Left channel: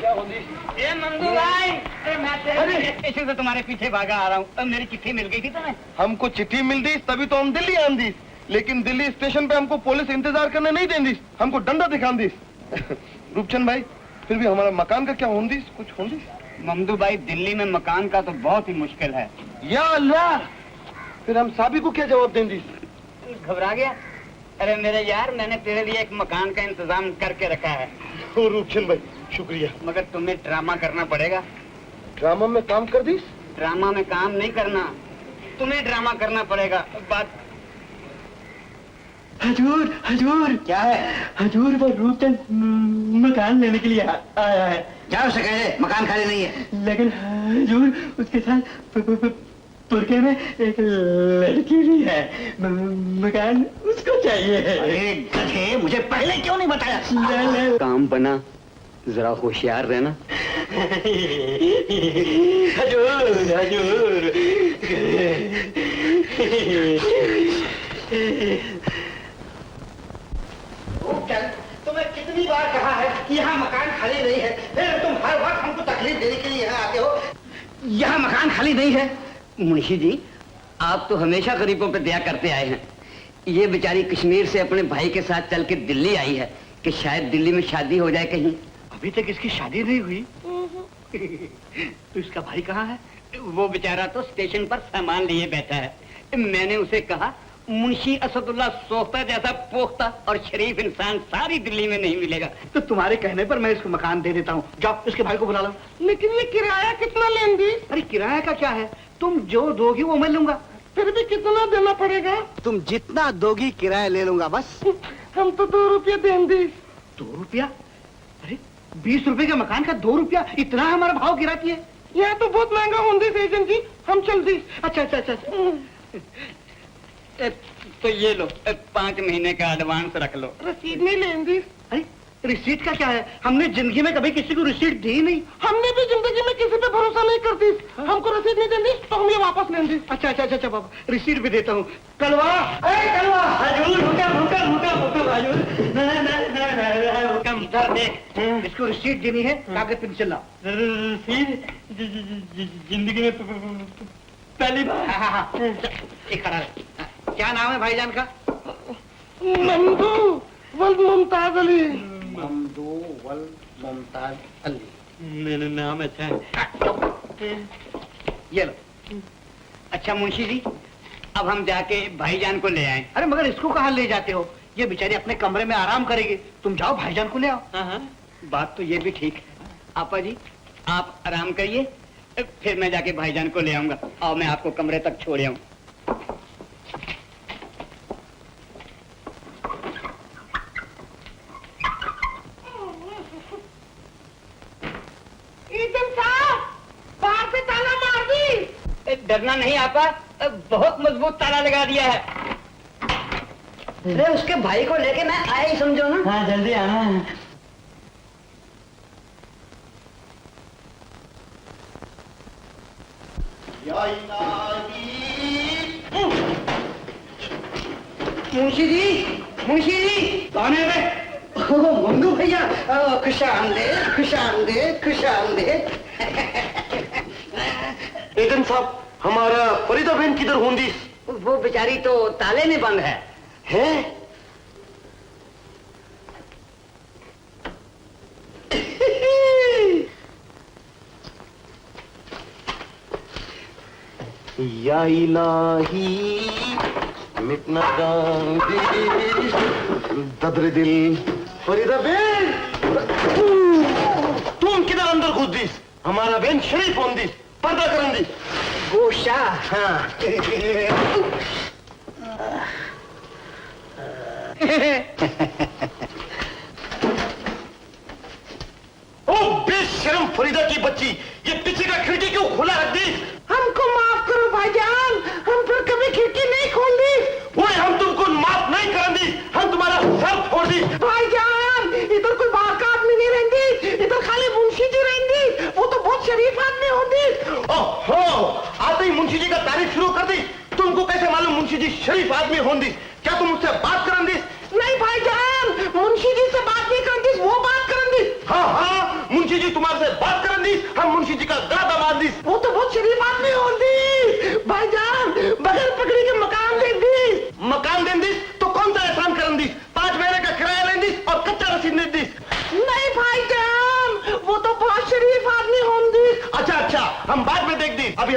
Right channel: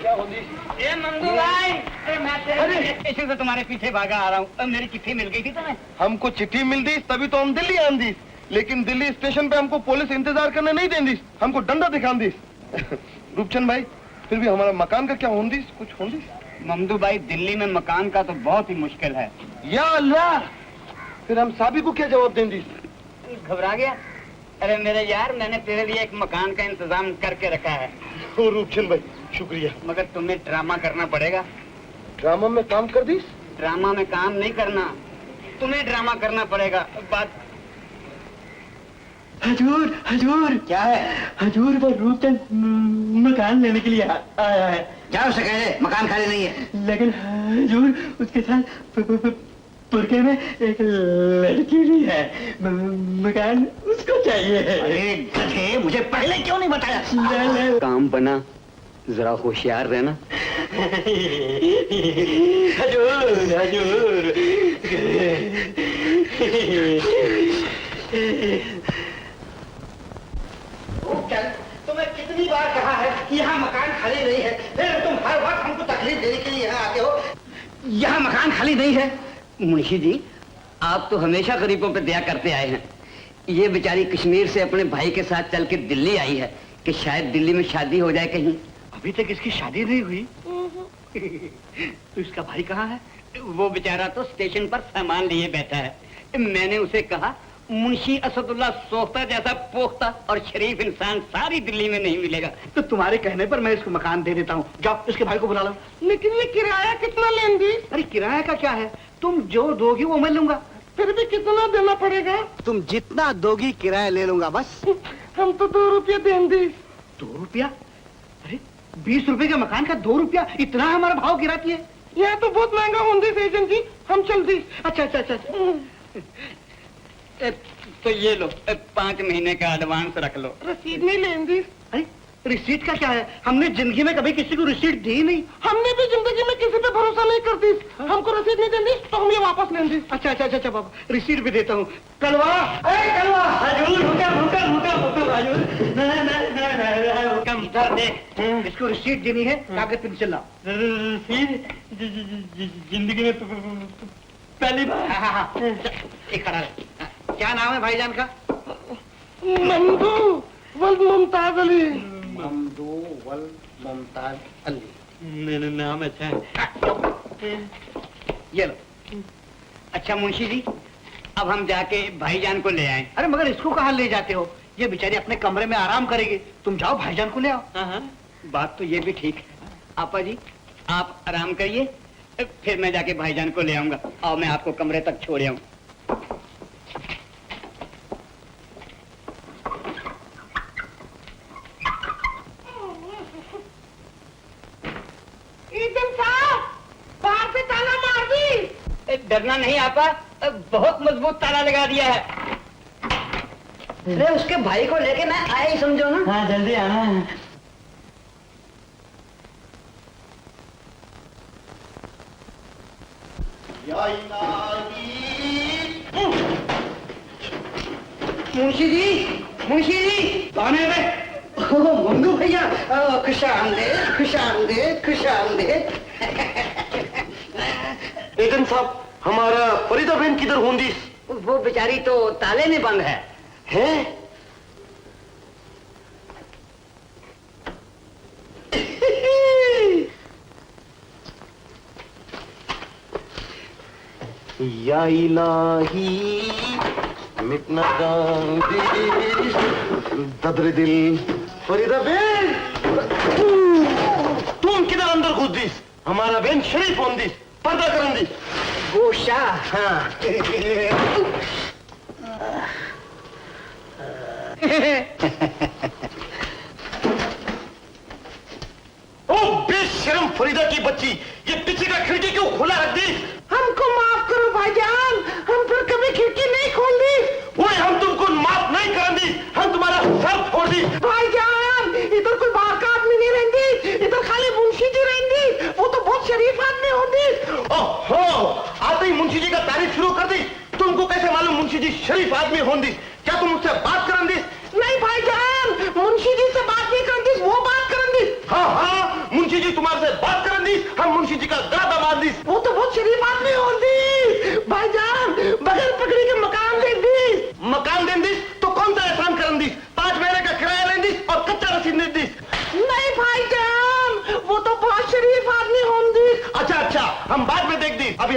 क्या होगी? ए मंगू भाई, मैं तुम्हारे पीछे भागा आ रहा हूँ। तब मेरी चिट्ठी मिल गई थी तुम्हें? हमको चिट्ठी मिल दी तभी तो हम दिल्ली आन दी, लेकिन दिल्ली स्टेशन पे हमको पुलिस इंतजार करने नहीं देंदी, हमको डंडा दिखान दी। रूपचंद भाई, फिर भी हमारा मकान का क्या होंदी? कुछ होंदी? ममदू भाई, दिल्ली में मकान का तो बहुत ही मुश्किल है। या अल्लाह, फिर हम साबी को क्या जवाब देंगी? घबरा गया? अरे मेरे यार, मैंने तेरे लिए एक मकान का इंतजाम करके रखा है। ओ रूपचंद भाई, शुक्रिया। मगर तुम्हें ड्रामा करना पड़ेगा। ड्रामा में काम कर दी? ड्रामा में काम नहीं करना, तुम्हें ड्रामा करना पड़ेगा। बात हजूर, हजूर। क्या है? हजूर, वो रूपचंद मकान लेने के लिए आया है। जाओ से कहिए मकान खाली नहीं है। लेकिन हजूर, उसके साथ तुर्की में एक लड़की भी है। मकान उसको चाहिए। अरे गधे, मुझे पहले क्यों नहीं बताया? काम बना, जरा होशियार रहना। हजूर, हजूर। तुम्हें कितनी बार कहा है कि यहाँ मकान खाली नहीं है, फिर तुम हर वक्त हमको तकलीफ देने के लिए यहाँ आते हो। यहाँ मकान खाली नहीं है। मुंशी जी, आप तो हमेशा गरीबों पे दया करते आए हैं। ये बेचारी कश्मीर से अपने भाई के साथ चल के दिल्ली आई है कि शायद दिल्ली में शादी हो जाए कहीं। अभी तक इसकी शादी नहीं हुई। तो इसका भाई कहाँ है? वो बेचारा तो स्टेशन पर सामान लिए बैठा है। मैंने उसे कहा, मुंशी असदुल्ला सोख्ता जैसा पोख्ता और शरीफ इंसान सारी दिल्ली में नहीं मिलेगा। तो तुम्हारे कहने पर मैं इसको मकान दे देता हूँ। जाओ उसके भाई को बुला लो। लेकिन ये किराया कितना लेंगी? अरे किराया का क्या है, तुम जो दोगी वो मैं लूंगा। फिर भी कितना देना पड़ेगा? तुम जितना दोगी किराया ले लूंगा बस। हम तो 2 रुपये देंगे। 2 रुपया? अरे 20 रुपए के मकान का 2 रुपया, इतना हमारा भाव किराती है? यह तो बहुत महंगा होंगे एजेंट जी, हम चलती। अच्छा अच्छा अच्छा। तो ये लो, 5 महीने का एडवांस रख लो। रसीद नहीं लेंगी? अरे रिसीट का क्या है, हमने जिंदगी में कभी किसी को रिसीट दी नहीं। हमने भी जिंदगी में किसी पे भरोसा नहीं करती। हमको रसीद नहीं देती तो हम ये वापस लेंगे। अच्छा अच्छा अच्छा बाबा, रिसीट भी देता हूँ। कलवा, अरे कलवा, हजूर रुका रुका रुका रुका हजूर, ना रुका दे। इसको रिसीट देनी है, कागज तुम चलाओ। रिसीट जिंदगी में पहली बार। एक खड़ा है। क्या नाम है भाईजान का? ममदू वल मुमताज अली। ममदू वल मुमताज अली। मेरा नाम अच्छा है। ये लो। अच्छा मुंशी जी, अब हम जाके भाईजान को ले आए। अरे मगर इसको कहाँ ले जाते हो, ये बेचारी अपने कमरे में आराम करेगी। तुम जाओ भाईजान को ले आओ। बात तो ये भी ठीक है। आपा जी, आप आराम करिए, फिर मैं जाके भाईजान को ले आऊंगा और मैं आपको कमरे तक छोड़ आऊं। बाहर से ताला मार दी। डरना नहीं आपा, बहुत मजबूत ताला लगा दिया है। अरे उसके भाई को लेके मैं आया ही समझो ना। हाँ जल्दी आना। मुंशी जी, मुंशी जी, कौन है मैं? मंगू भैया, खुशामदीद, खुशामदीद, खुशामदीद। एजेंट साहब, हमारा फरीदा बहन किधर होंगी? वो बेचारी तो ताले में बंद है। हैं? या इलाही मिटना जान ददरे दिल। फरीदा बहन, तुम किधर अंदर कूदी? हमारा बहन शरीफ होंगी, पर्दा करंदी। गोशा। हाँ। ओ बेशर्म फरीदा की बच्ची, ये पीछे का खिड़की क्यों खुला रख दी? हमको माफ करो भाईजान, हम फिर कभी खिड़की नहीं खोली। वो हम तुमको माफ नहीं करेंगे, हम तुम्हारा सर फोड़ दी। भाईजान, इधर कोई बाहर का आदमी नहीं रहेंगी, इधर खाली मुंशी जी रहेंगी। वो तो बहुत शरीफ आदमी होती। ओहो, आते ही मुंशी जी का तारीफ शुरू कर दी। तुमको कैसे मालूम मुंशी जी शरीफ आदमी होंगी? क्या तुम मुझसे बात करेंगे? नहीं भाईजान,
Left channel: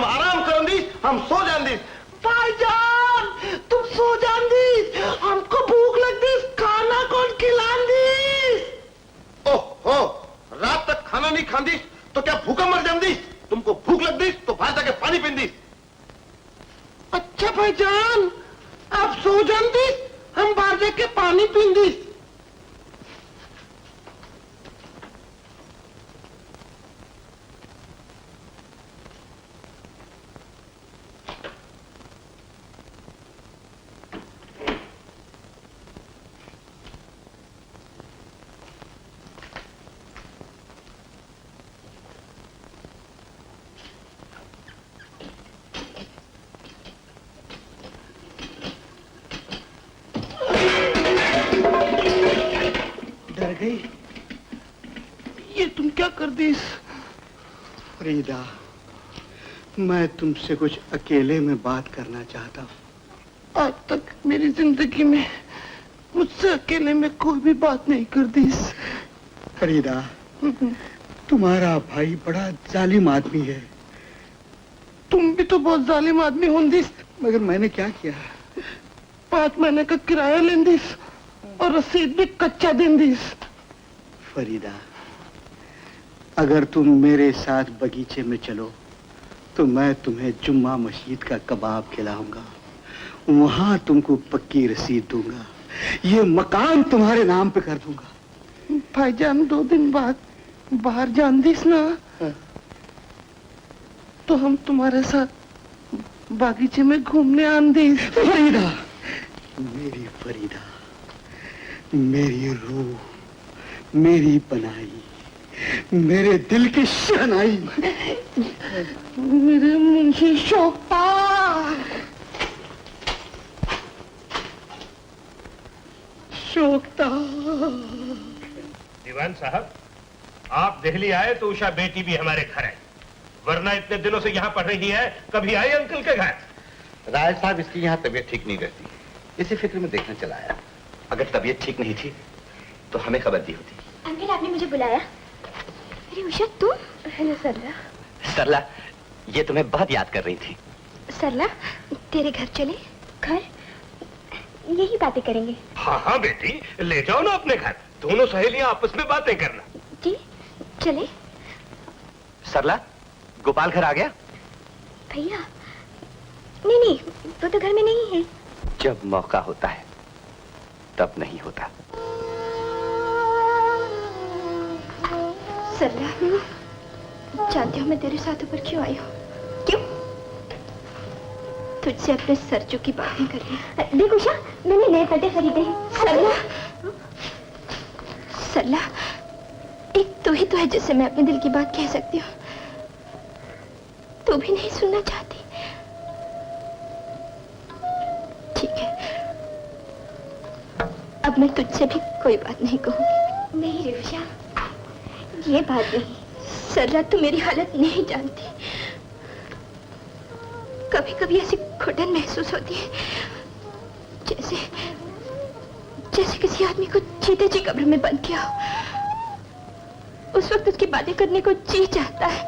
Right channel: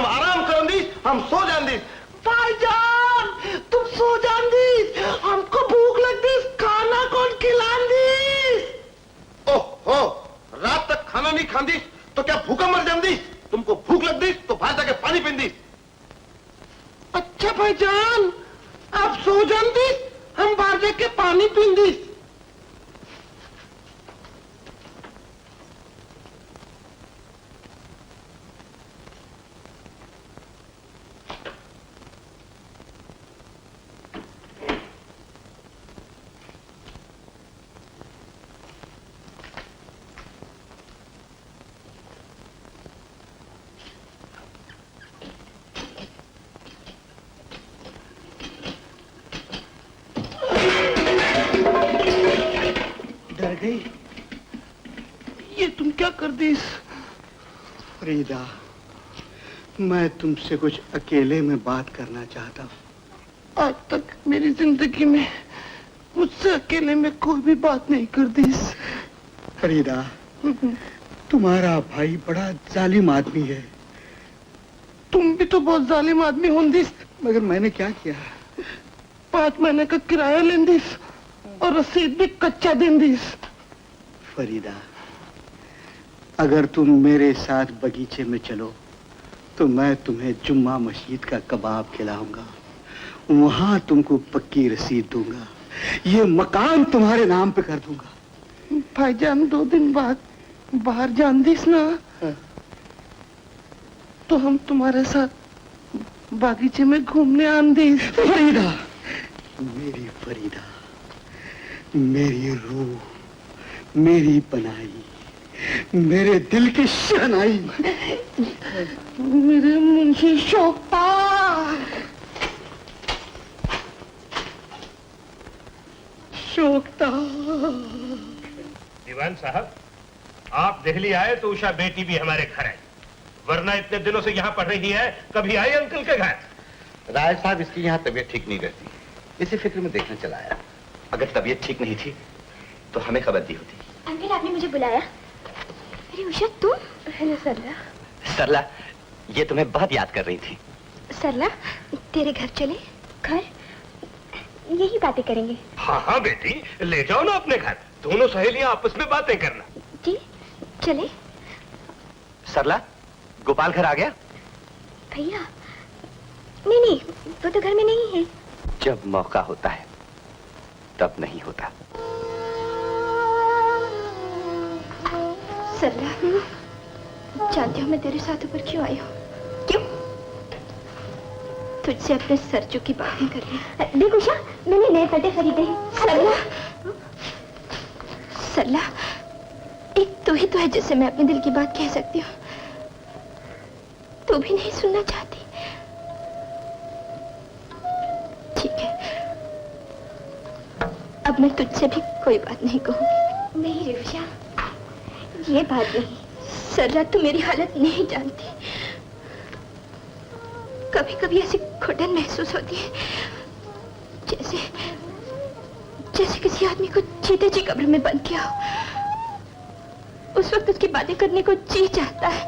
हम आराम करन दी, हम सो जान दी। भाईजान, तुम सो जान दी, हमको भूख लगती, खाना कौन खिलानी? ओह, रात तक खाना नहीं खांदी तो क्या भूखा मर जाती? तुमको भूख लगती तो बाहर जाके पानी पींदी। अच्छा भाईजान, आप सो जान दी, हम बाहर जाके पानी पींदी। ये तुम क्या कर दी? फरीदा, मैं तुमसे कुछ अकेले में बात करना चाहता हूँ। आज तक मेरी जिंदगी में मुझसे अकेले में कोई भी बात नहीं कर दी। फरीदा, तुम्हारा भाई बड़ा जालिम आदमी है। तुम भी तो बहुत जालिम आदमी होंगी। मगर मैंने क्या किया? 5 महीने का किराया लेंदी और रसीद भी कच्चा देंदी। फरीदा, अगर तुम मेरे साथ बगीचे में चलो तो मैं तुम्हें जुम्मा मस्जिद का कबाब खिलाऊंगा, वहां तुमको पक्की रसीद दूंगा, ये मकान तुम्हारे नाम पे कर दूंगा। भाईजान 2 दिन बाद बाहर जान दीस ना, तो हम तुम्हारे साथ बागीचे में घूमने आन दी। फरीदा, मेरी फरीदा, मेरी रूह, मेरी बनाई, मेरे दिल की शहनाई, मेरे मुंशी शोभा। शोभता। दीवान साहब, आप दिल्ली आए तो उषा बेटी भी हमारे घर है, वरना इतने दिनों से यहाँ पढ़ रही है, कभी आई अंकल के घर? राय साहब, इसकी यहाँ तबीयत ठीक नहीं रहती, इसी फिक्र में देखने चला आया। अगर तबीयत ठीक नहीं थी तो हमें खबर दी होती। अंकल, आपने मुझे बुलाया? अरे उषा, तुम? हेलो सरला। सरला, ये तुम्हें बहुत याद कर रही थी। सरला, तेरे घर चले? घर? यही बातें करेंगे। हाँ हाँ बेटी, ले जाओ ना अपने घर, दोनों सहेलियां आपस में बातें करना। जी, चले। सरला, गोपाल घर आ गया? भैया, नहीं, वो तो घर में नहीं है। जब मौका होता है तब नहीं होता। सरला, जानती हो मैं तेरे साथ ऊपर क्यों आई हूँ? क्यों? तुझसे अपने सरजू की बातें करनी। देख उषा, मैंने नए पट्टे खरीदे। सरला, एक तू ही तो है जिससे मैं अपने दिल की बात कह सकती हूँ। तू भी नहीं सुनना चाहती? ठीक है, अब मैं तुझसे भी कोई बात नहीं कहूँगी। नहीं उषा, ये बात नहीं। सरला, तू मेरी हालत नहीं जानती। कभी कभी ऐसी घुटन महसूस होती है जैसे किसी आदमी को जीते जी कब्र में बंद किया हो। उस वक्त उसकी बातें करने को जी चाहता है।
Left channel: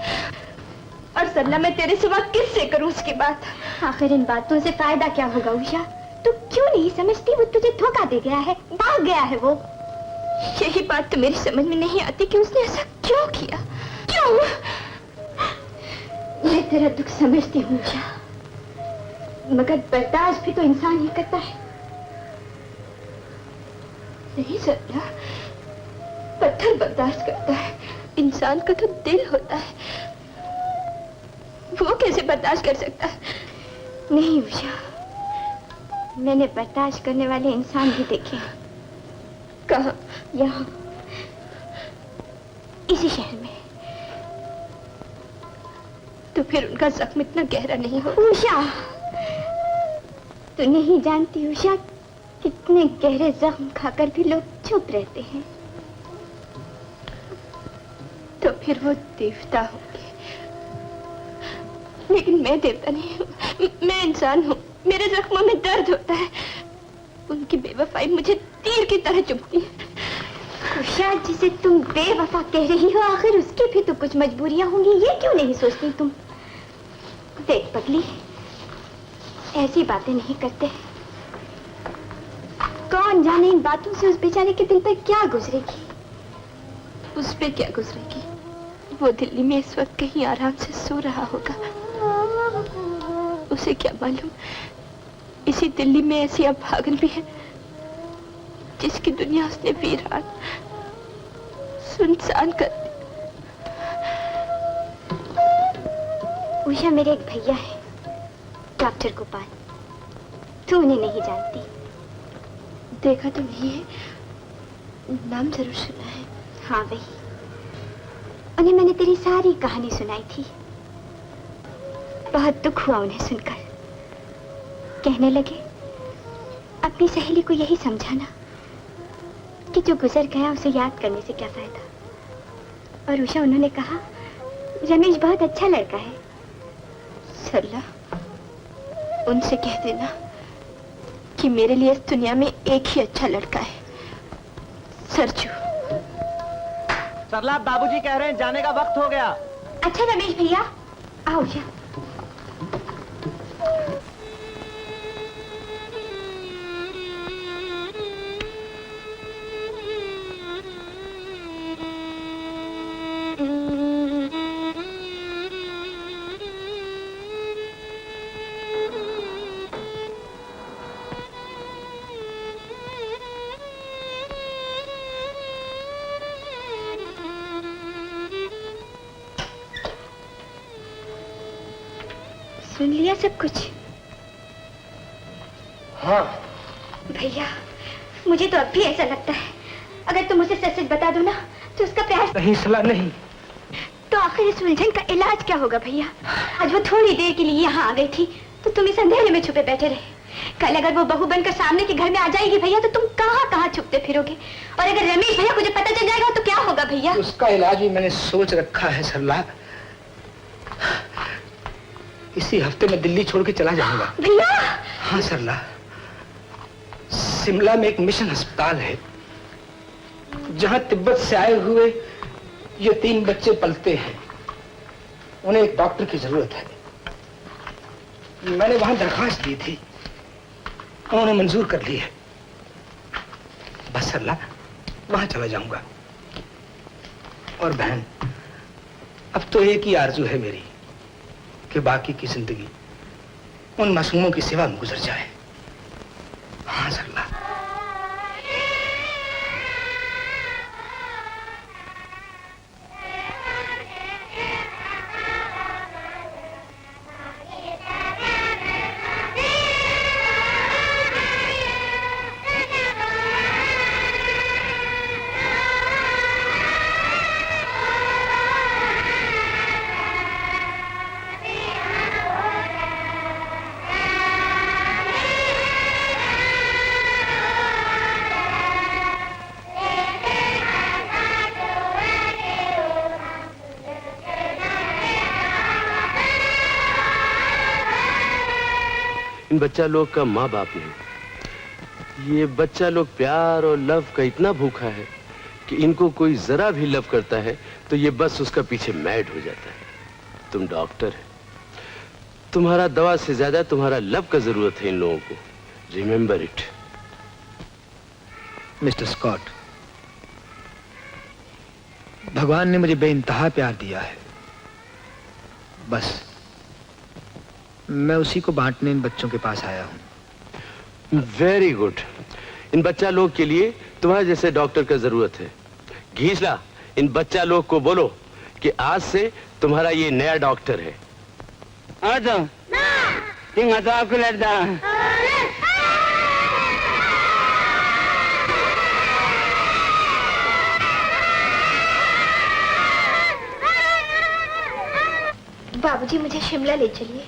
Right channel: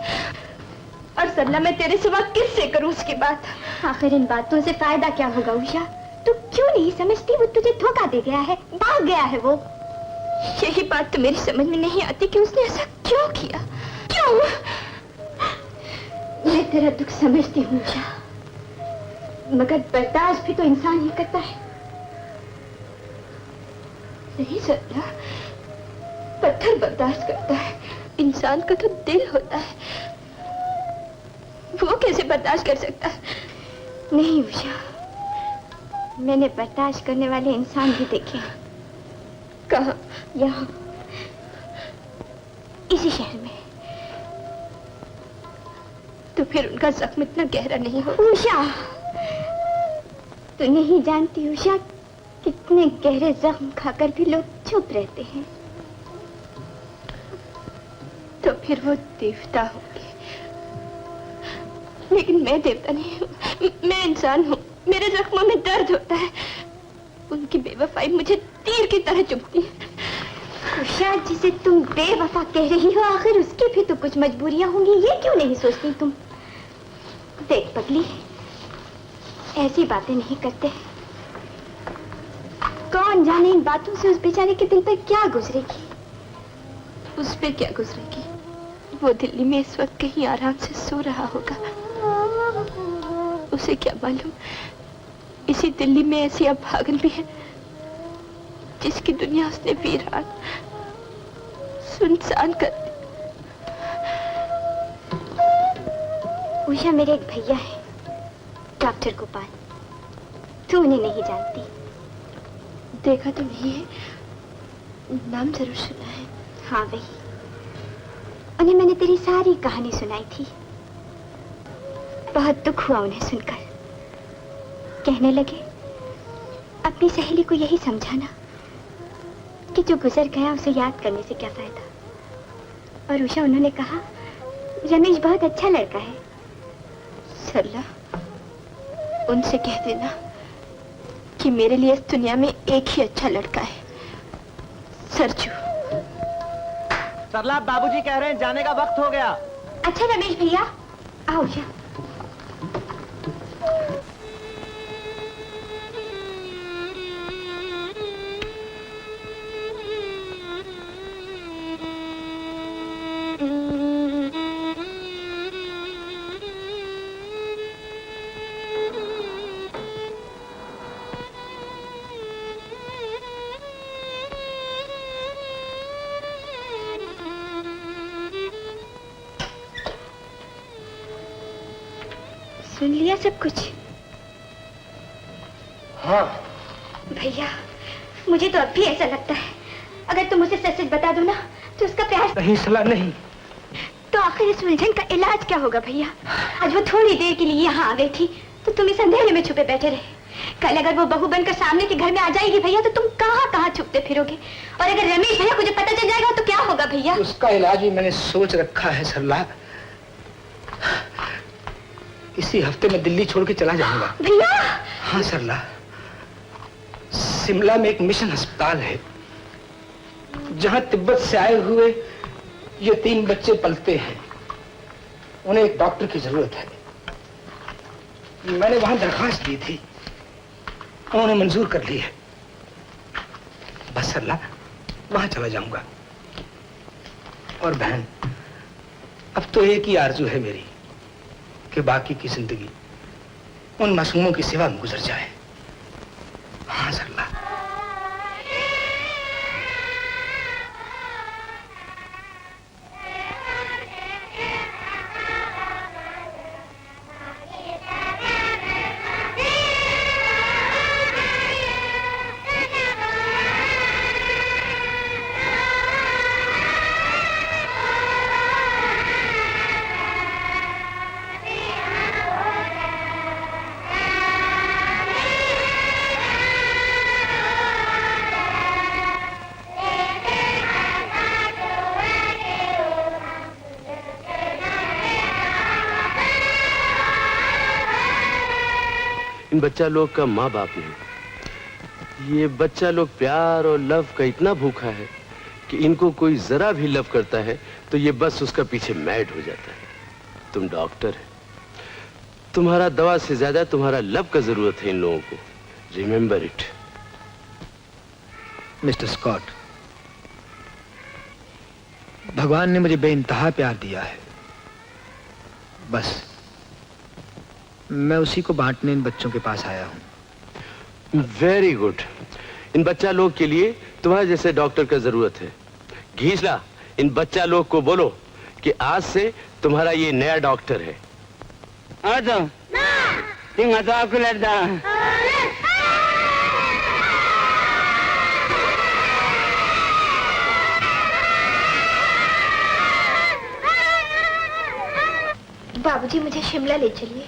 और सरला, मैं तेरे सिवा किससे करूं उसकी बात? आखिर इन बातों से फायदा क्या होगा उषा? तू क्यों नहीं समझती? वो तुझे धोखा दे गया है, भाग गया है वो। यही बात तो मेरी समझ में नहीं आती कि उसने ऐसा क्यों किया। क्यों? मैं तेरा दुख समझती हूँ उषा, मगर बर्दाश्त भी तो इंसान ही करता है। नहीं सरला, पत्थर बर्दाश्त करता है, इंसान का तो दिल होता है, वो कैसे बर्दाश्त कर सकता है? नहीं उषा, मैंने बर्दाश्त करने वाले इंसान भी देखे हैं। कहाँ? यहाँ, इसी शहर में। तो फिर उनका जख्म इतना गहरा नहीं हो। उषा, तू नहीं जानती उषा, कितने गहरे जख्म खाकर भी लोग चुप रहते हैं। तो फिर वो देवता होंगे, लेकिन मैं देवता नहीं हूँ, मैं इंसान हूँ। मेरे जख्मों में दर्द होता है, उनकी बेवफाई मुझे तीर की तरह चुभती है। उषा, जिसे तुम बेवफा कह रही हो, आखिर उसकी भी तो कुछ मजबूरियां होंगी, ये क्यों नहीं सोचती तुम? देख पगली, ऐसी बातें नहीं करते। कौन जाने इन बातों से उस बेचारे के दिल पर क्या गुजरेगी। उस पे क्या गुजरेगी? वो दिल्ली में इस वक्त कहीं आराम से सो रहा होगा। उसे क्या मालूम, इसी दिल्ली में ऐसी अभागन भी है जिसकी दुनिया उसने वीरान सुनसान कर दी। उषा मेरे एक भैया है, डॉक्टर गोपाल। तू उन्हें नहीं जानती? देखा तो नहीं है, नाम जरूर सुना है। हाँ वही, उन्हें मैंने तेरी सारी कहानी सुनाई थी। बहुत दुख हुआ उन्हें सुनकर। कहने लगे अपनी सहेली को यही समझाना कि जो गुजर गया उसे याद करने से क्या फायदा। और उषा, उन्होंने कहा रमेश बहुत अच्छा लड़का है। सरला, उनसे कह देना कि मेरे लिए इस दुनिया में एक ही अच्छा लड़का है, सरजू। सरला, बाबूजी कह रहे हैं जाने का वक्त हो गया। अच्छा रमेश भैया, आओ उषा। सुन लिया सब कुछ? हाँ। भैया, मुझे तो अब भी ऐसा लगता है अगर तुम मुझे सच सच बता दो ना तो उसका प्यार नहीं सलाह नहीं। तो आखिर इस उलझन का इलाज क्या होगा भैया? आज वो थोड़ी देर के लिए यहाँ आ गई थी तो तुम इस अंधेरे में छुपे बैठे रहे। कल अगर वो बहू बनकर सामने के घर में आ जाएगी भैया तो तुम कहाँ कहाँ छुपते फिरोगे। और अगर रमेश भैया मुझे पता चल जाएगा तो क्या होगा भैया? उसका इलाज भी मैंने सोच रखा है सरला। इसी हफ्ते में दिल्ली छोड़ के चला जाऊंगा। भैया? हाँ सरला, शिमला में एक मिशन अस्पताल है जहां तिब्बत से आए हुए ये 3 बच्चे पलते हैं। उन्हें एक डॉक्टर की जरूरत है। मैंने वहां दरखास्त दी थी, उन्होंने मंजूर कर ली है। बस सरला, वहां चला जाऊंगा। और बहन, अब तो एक ही आरजू है मेरी कि बाकी की जिंदगी उन मासूमों की सिवा में गुजर जाए। हाँ सरला। इन बच्चा लोग का माँ बाप नहीं। ये बच्चा लोग प्यार और लव का इतना भूखा है कि इनको कोई जरा भी लव करता है तो ये बस उसका पीछे मैड हो जाता है। तुम डॉक्टर है, तुम्हारा दवा से ज्यादा तुम्हारा लव का जरूरत है इन लोगों को। Remember it. मिस्टर स्कॉट, भगवान ने मुझे बेइंतहा प्यार दिया है। बस मैं उसी को बांटने इन बच्चों के पास आया हूं। Very good. इन बच्चा लोग के लिए तुम्हारे जैसे डॉक्टर का जरूरत है। घीसला, इन बच्चा लोग को बोलो कि आज से तुम्हारा ये नया डॉक्टर है। बाबूजी, मुझे शिमला ले चलिए।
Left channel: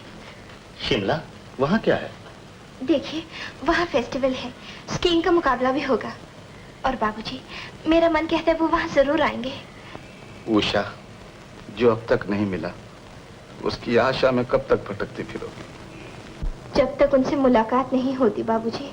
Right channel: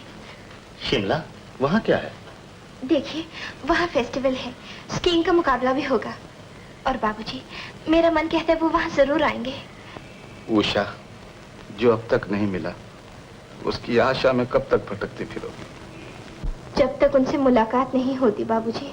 शिमला? वहाँ क्या है? देखिए, वहाँ फेस्टिवल है, स्कीइंग का मुकाबला भी होगा। और बाबूजी, मेरा मन कहता है वो वहाँ जरूर आएंगे। उषा, जो अब तक नहीं मिला उसकी आशा में कब तक भटकती फिरोगी? जब तक उनसे मुलाकात नहीं होती बाबूजी।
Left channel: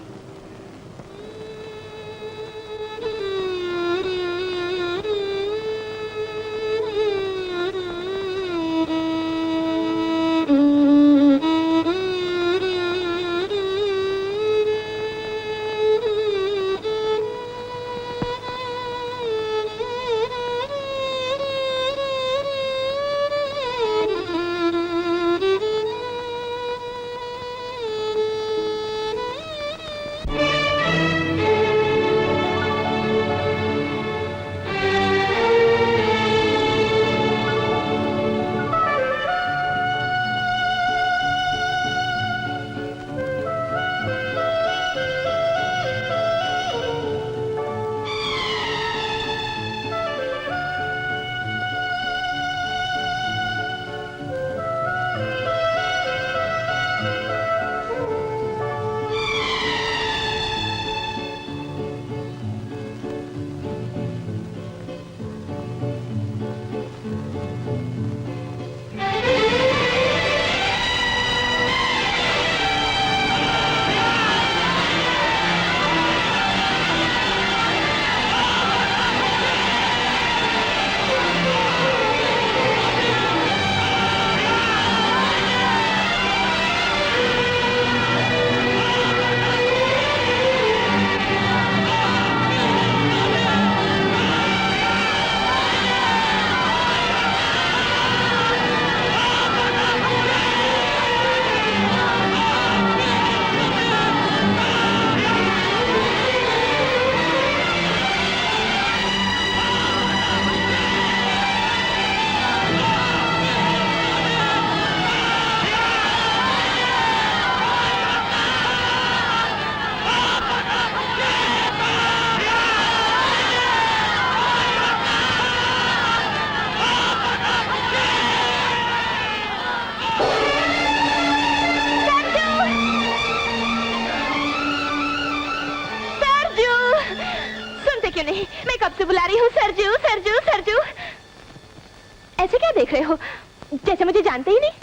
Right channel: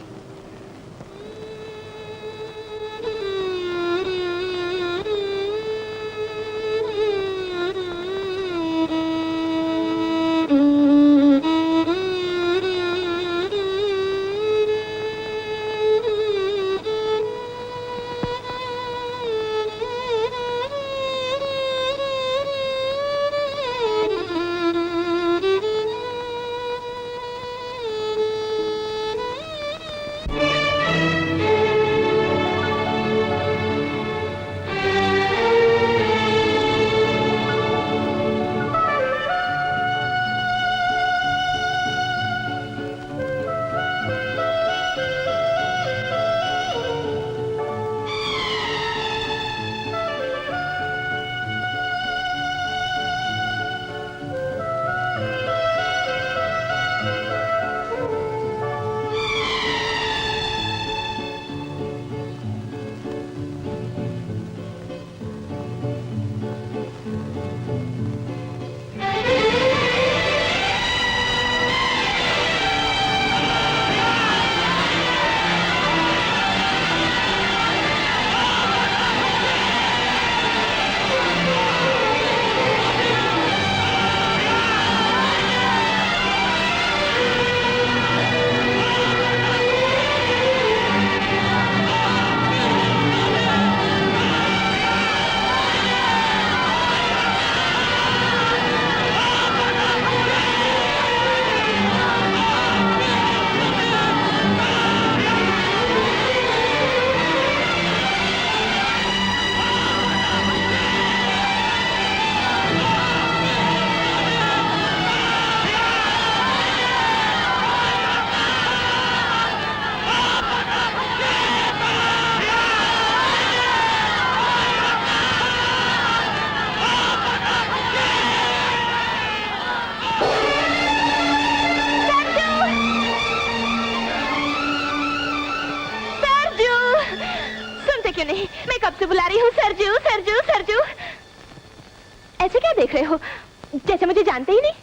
जानते ही नहीं।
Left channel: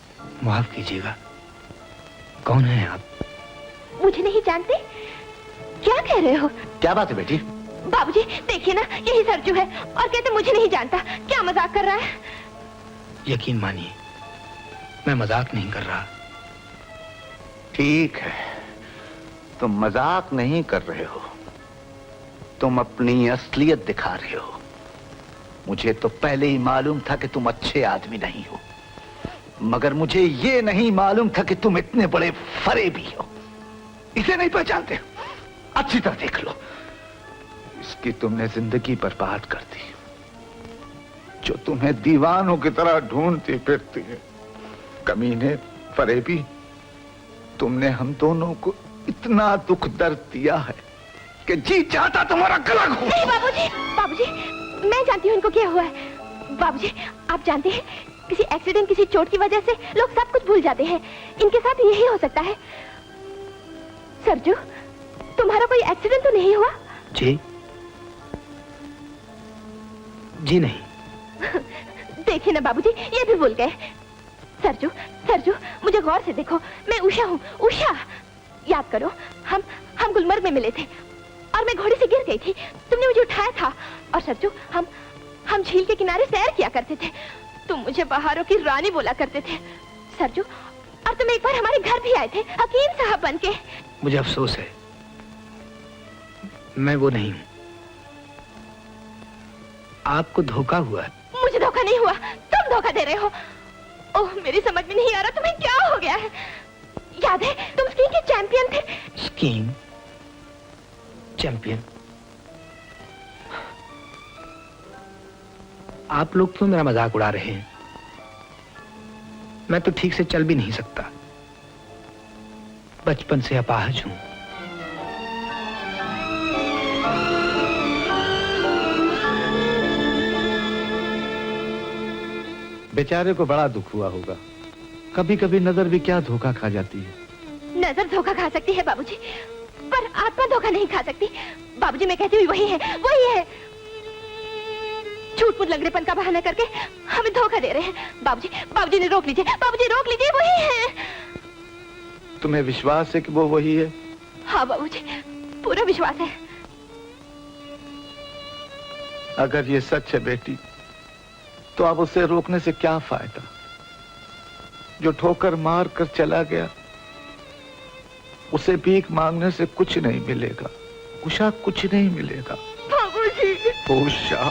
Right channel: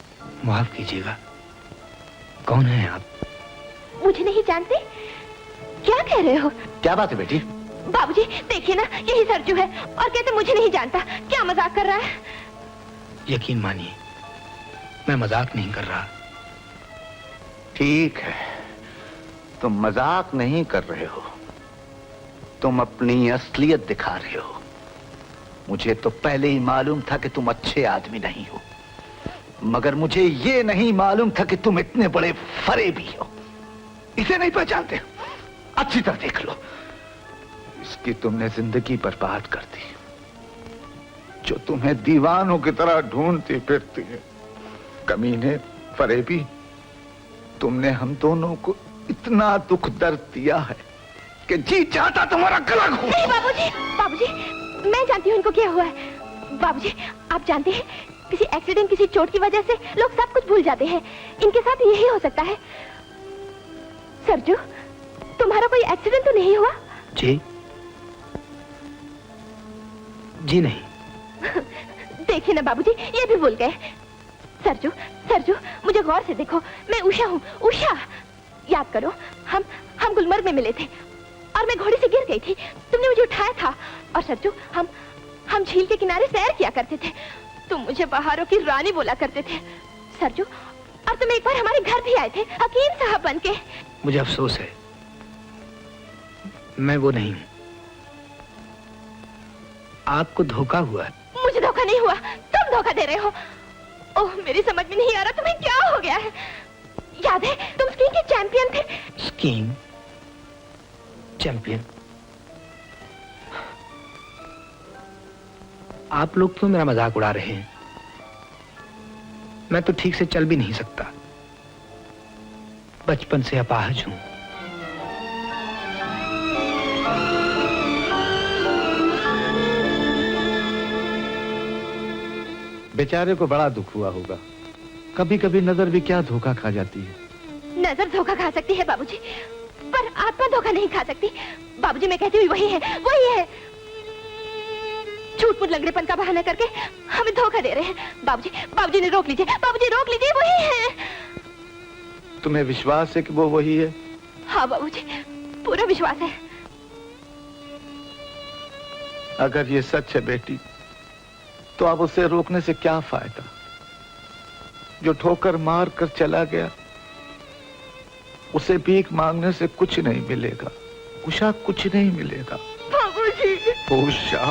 माफ कीजिएगा, कौन है आप? मुझे नहीं जानते? क्या कह रहे हो? क्या बात है बेटी? बाबूजी देखिए ना, यही सरजू है और कहते मुझे नहीं जानता। क्या मजाक कर रहा है? यकीन मानिए, मैं मजाक नहीं कर रहा। ठीक है, तुम मजाक नहीं कर रहे हो, तुम अपनी असलियत दिखा रहे हो। मुझे तो पहले ही मालूम था कि तुम अच्छे आदमी नहीं हो, मगर मुझे ये नहीं मालूम था कि तुम इतने बड़े फरेबी हो। इसे नहीं पहचानते? अच्छी तरह देख लो, इसकी तुमने जिंदगी बर्बाद कर दी। जो तुम्हें दीवानों की तरह ढूंढती फिरती है। कमीने, फरेबी, तुमने हम दोनों को इतना दुख दर्द दिया है कि जी चाहता तुम्हारा गला घोट। नहीं बाबूजी, बाबूजी मैं जानती हूँ इनको क्या हुआ है। बाबूजी आप जानते हैं, किसी एक्सीडेंट, किसी चोट की वजह से लोग सब कुछ भूल जाते हैं। इनके साथ यही हो सकता है। सरजू, तुम्हारा कोई एक्सीडेंट तो नहीं हुआ? जी जी नहीं। देखिए ना बाबूजी, ये भी भूल गए। सरजू, सरजू मुझे गौर से देखो, मैं उषा हूँ, उषा। याद करो, हम गुलमर्ग में मिले थे और मैं घोड़े से गिर गई थी, तुमने मुझे उठाया था। और सरजू, हम झील के किनारे सैर किया करते थे। तुम मुझे पहाड़ों की रानी बोला करते थे। सरजू, और तुम एक बार हमारे घर भी आए थे, हकीम साहब बन के। मुझे अफसोस है, मैं वो नहीं हूँ। आपको धोखा हुआ है। मुझे धोखा नहीं हुआ, तुम धोखा दे रहे हो। ओह, मेरी समझ में नहीं आ रहा तुम्हें क्या हो गया है। याद है तुम स्कीइंग के चैंपियन थे। Skiing champion? आप लोग तो मेरा मजाक उड़ा रहे हैं। मैं तो ठीक से चल भी नहीं सकता, बचपन से अपाहज हूं। बेचारे को बड़ा दुख हुआ होगा। कभी कभी नजर भी क्या धोखा खा जाती है। नजर धोखा खा सकती है बाबूजी, पर आत्मा धोखा नहीं खा सकती। बाबूजी मैं कहती हूँ वही है, वही है। झूठ मूठ लगड़ेपन का बहाना करके हमें धोखा दे रहे हैं। बाबूजी, बाबूजी ने रोक लीजिए, बाबूजी रोक लीजिए, वही है। तुम्हें विश्वास है कि वो वही है? हाँ बाबूजी, पूरा विश्वास है। अगर ये सच है बेटी, तो अब उसे रोकने से क्या फायदा? जो ठोकर मार कर चला गया, उसे भीख मांगने से कुछ नहीं मिलेगा। उषा, कुछ नहीं मिलेगा। बाबूजी, उषा।